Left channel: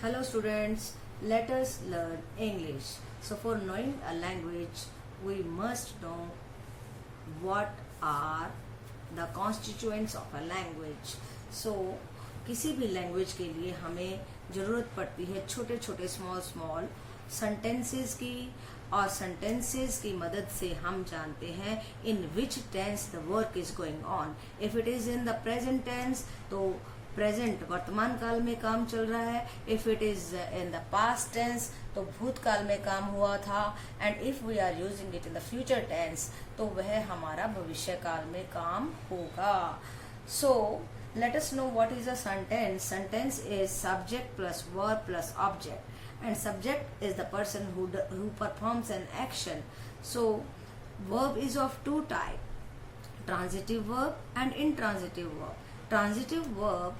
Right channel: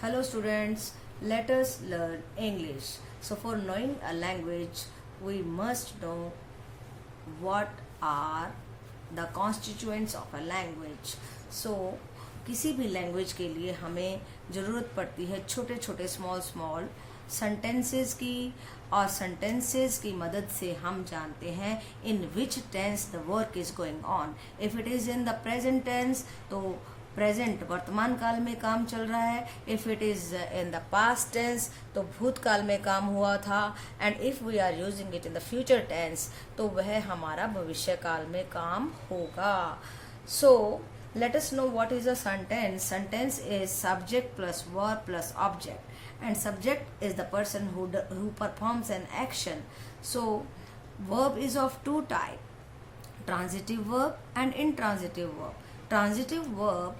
Hello students, let us learn English. So for knowing a language, we must know what are the constituents of a language. So किसी भी language के लिए हमें ज़रूरत पड़ती है छोटे छोटे स्मॉल सेंटेंसेस की, और सेंटेंसेस की मदद से हम जानते हैं in which tense the work is going on. If it is in the present tense तो प्रेजेंट वर्तमान काल में काम चल रहा है. If it is in the past tense तो भूतकाल में काम हुआ था. And if we are using it in the future tense तो वह हमारा भविष्य काल में काम होगा. सो let us know what is a sentence. Sentence is subject plus verb plus object, and subject is the person who performs an action. So verb is of two type, transitive verb and intransitive verb. Transitive verb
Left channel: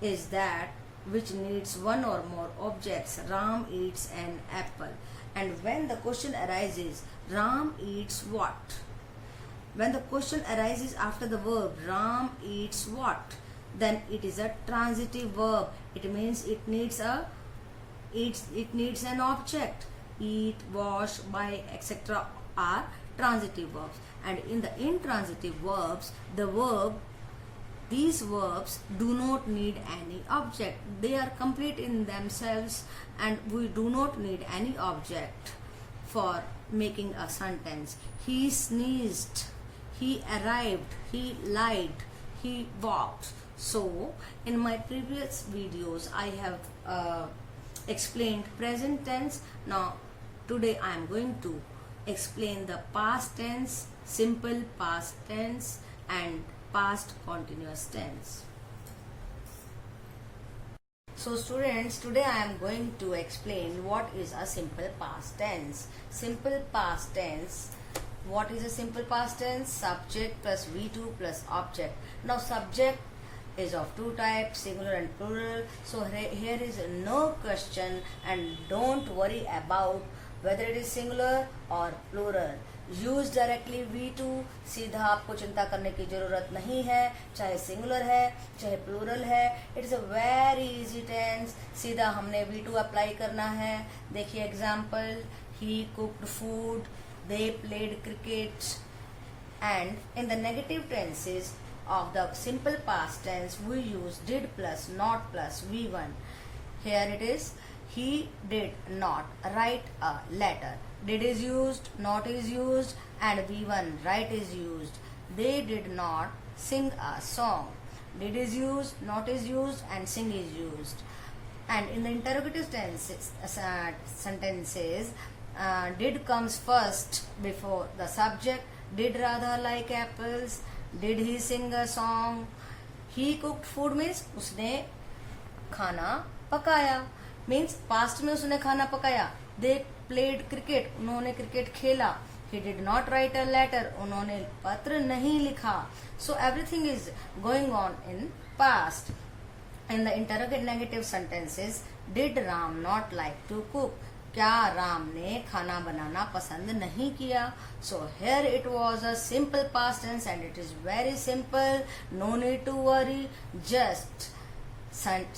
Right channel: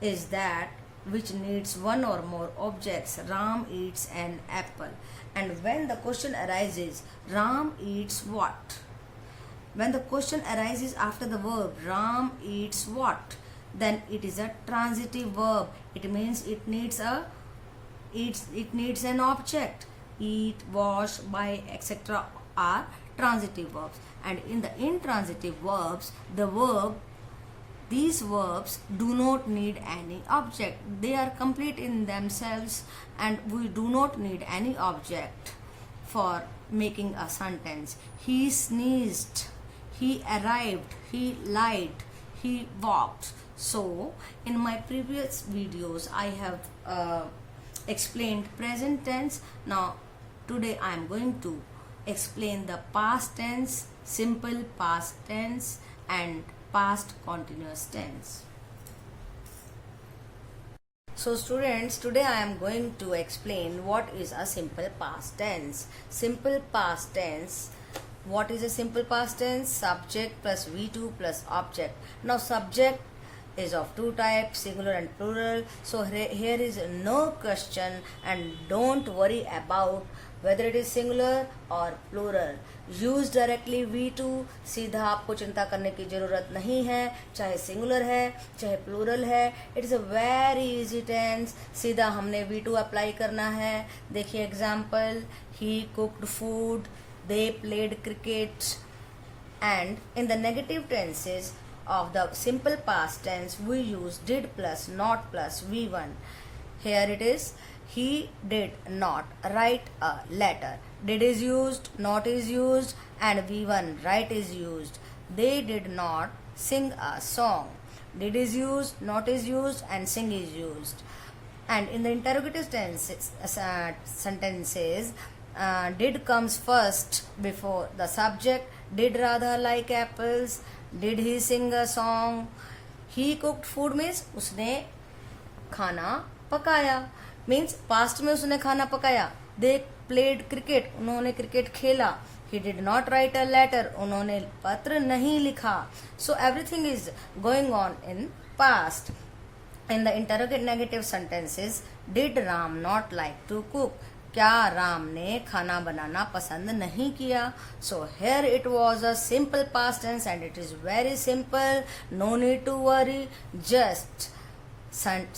is that which needs one or more objects. Ram eats an apple. And when the question arises, Ram eats what? When the question arises after the verb Ram eats what, then it is a transitive verb. It means it needs an object. Eat, wash, buy, etc. are transitive verbs. And in the intransitive verbs, these verbs do not need any object. They are complete in themselves, and we do not need any object for making a sentence. He sneezed. He arrived. He lied. He walked. So in my previous videos I have explained present tense. Now today I am going to explain the past tense, simple past tense and past continuous tense. So students, today I am going to explain what is a simple past tense. Simple past tense. What is a simple past tense? Subject plus V2 plus object. Now subject is of two types, singular and plural. So here is no question, and don't worry about whether it is singular or plural. Use directly V2. सीधा आपको चिंता करने की जरूरत नहीं है, चाहे singular है चाहे प्लूरल है. It is a very easy tense. सीधा हमने V2 अप्लाई करना है. देखिए example, he cooked food, they played cricket. And in the negative tenses of the simple past tense we use did plus not plus V1. Here it is, he did not write a letter. Did is used, not is used, and V1 write is used. They did not sing a song. Did is used, not is used, and sing is used. And in the interrogative tenses, sentences, did comes first before the subject. Did Radha like apples? Did he sing a song? He cooked food means उसने खाना पकाया. means past में उसने खाना पकाया. They played cricket. उन्होंने cricket खेला. He did not write a letter. उन्होंने पत्र नहीं लिखा. So everything is going on in past. In the interrogative negative sentences, did Ram not like to cook? क्या राम ने खाना बनाना पसंद नहीं किया? So here it was a simple past tense and it is very simple. No need to worry. Just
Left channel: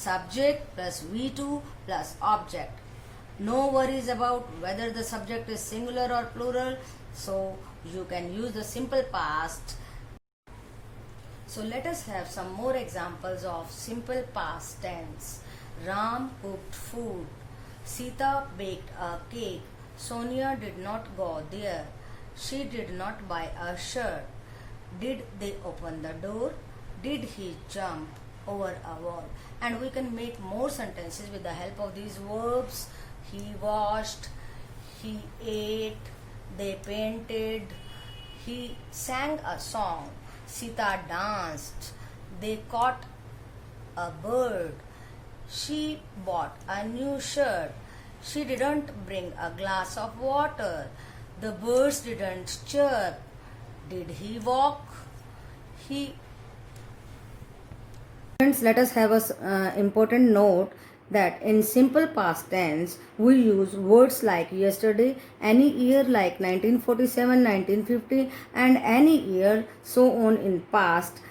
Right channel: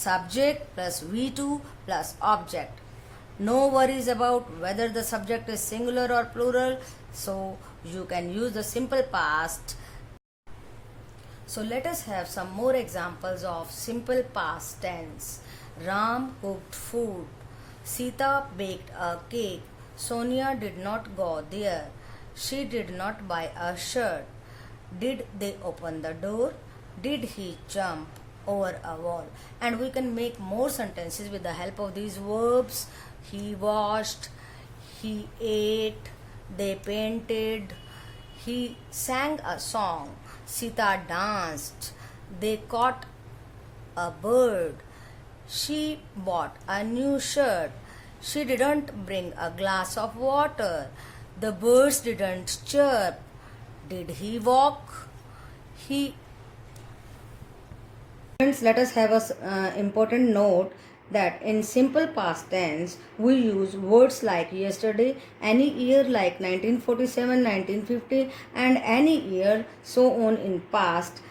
subject plus V2 plus object. No worries about whether the subject is singular or plural. So you can use the simple past. So let us have some more examples of simple past tense. Ram cooked food. Sita baked a cake. Sonia did not go there. She did not buy a shirt. Did they open the door? Did he jump over a wall? And we can make more sentences with the help of these verbs. He washed. He ate. They painted. He sang a song. Sita danced. They caught a bird. She bought a new shirt. She didn't bring a glass of water. The birds didn't chirp. Did he walk? Friends, let us have a important note that in simple past tense we use words like yesterday, any year like 1947, 1950, and any year so on in past.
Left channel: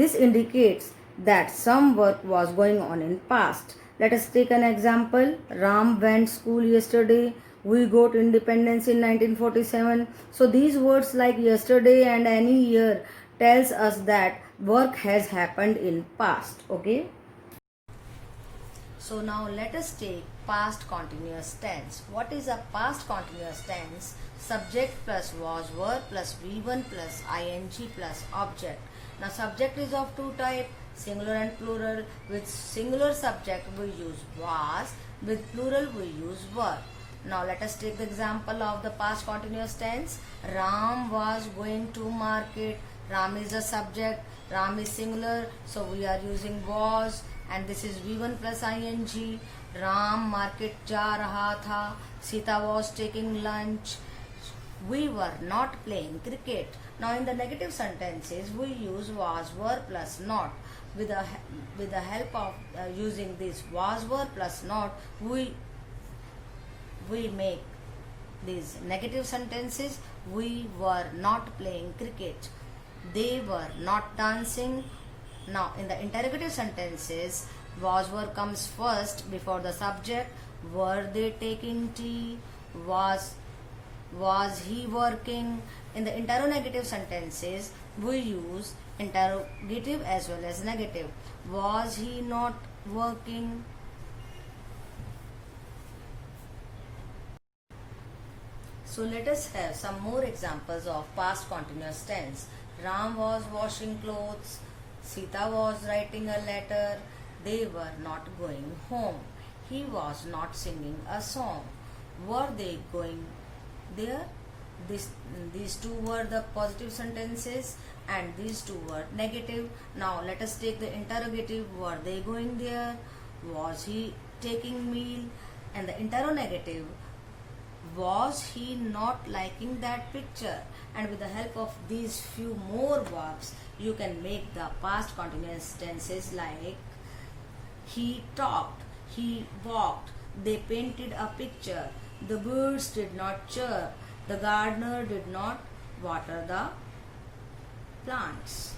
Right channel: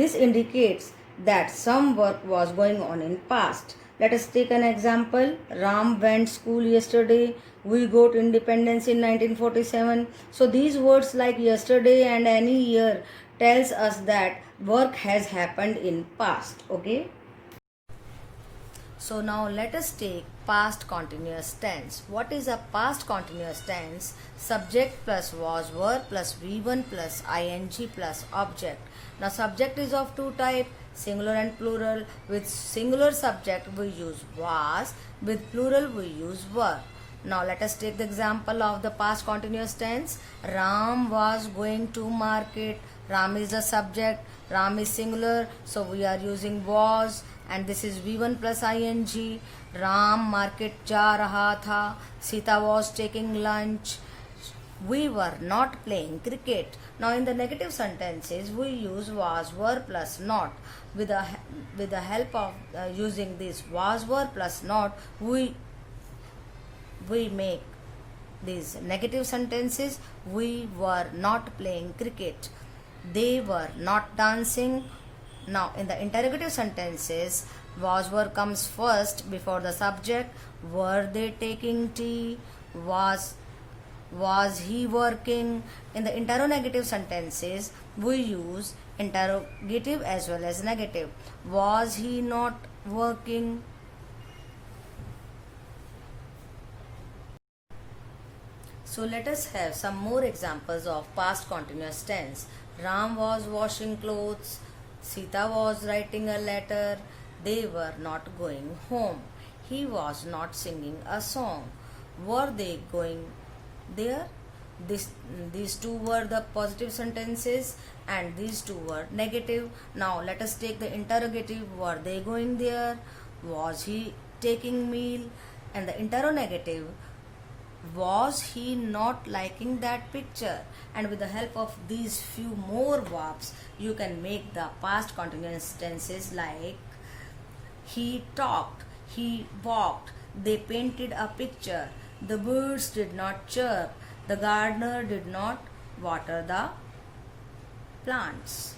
This indicates that some work was going on in past. Let us take an example. Ram went school yesterday. We got independence in 1947. So these words like yesterday and any year tells us that work has happened in past. Okay. So now let us take past continuous tense. What is a past continuous tense? Subject plus was verb plus V1 plus ing plus object. Now subject is of two types, singular and plural. With singular subject we use was, with plural we use were. Now let us take the example of the past continuous tense. Ram was going to market. Ram is the subject, Ram is singular, so we are using was, and this is V1 plus ing. Ram market जा रहा था. Sita was taking lunch. We were not playing cricket. Now in the negative sentences we use was, were plus not. With the help of using this was, were plus not, we make these negative sentences. We were not playing cricket. They were not dancing. Now in the interrogative sentences, was, were comes first before the subject. Were they taking tea? Was he working? In the interrogative sentences, we use interrogative as well as negative. Was he not working? So let us have some more examples of past continuous tense. Ram was washing clothes. Sita was writing a letter. They were not going home. He was not singing a song. Were they going there? These two were the positive sentences and these two were negative. Now let us take the interrogative. Were they going there? Was he taking meal? And the interrogative, was he not liking that picture? And with the help of these few more verbs, you can make the past continuous tenses like he talked, he walked, they painted a picture, the birds did not chirp, the gardener did not water the plants.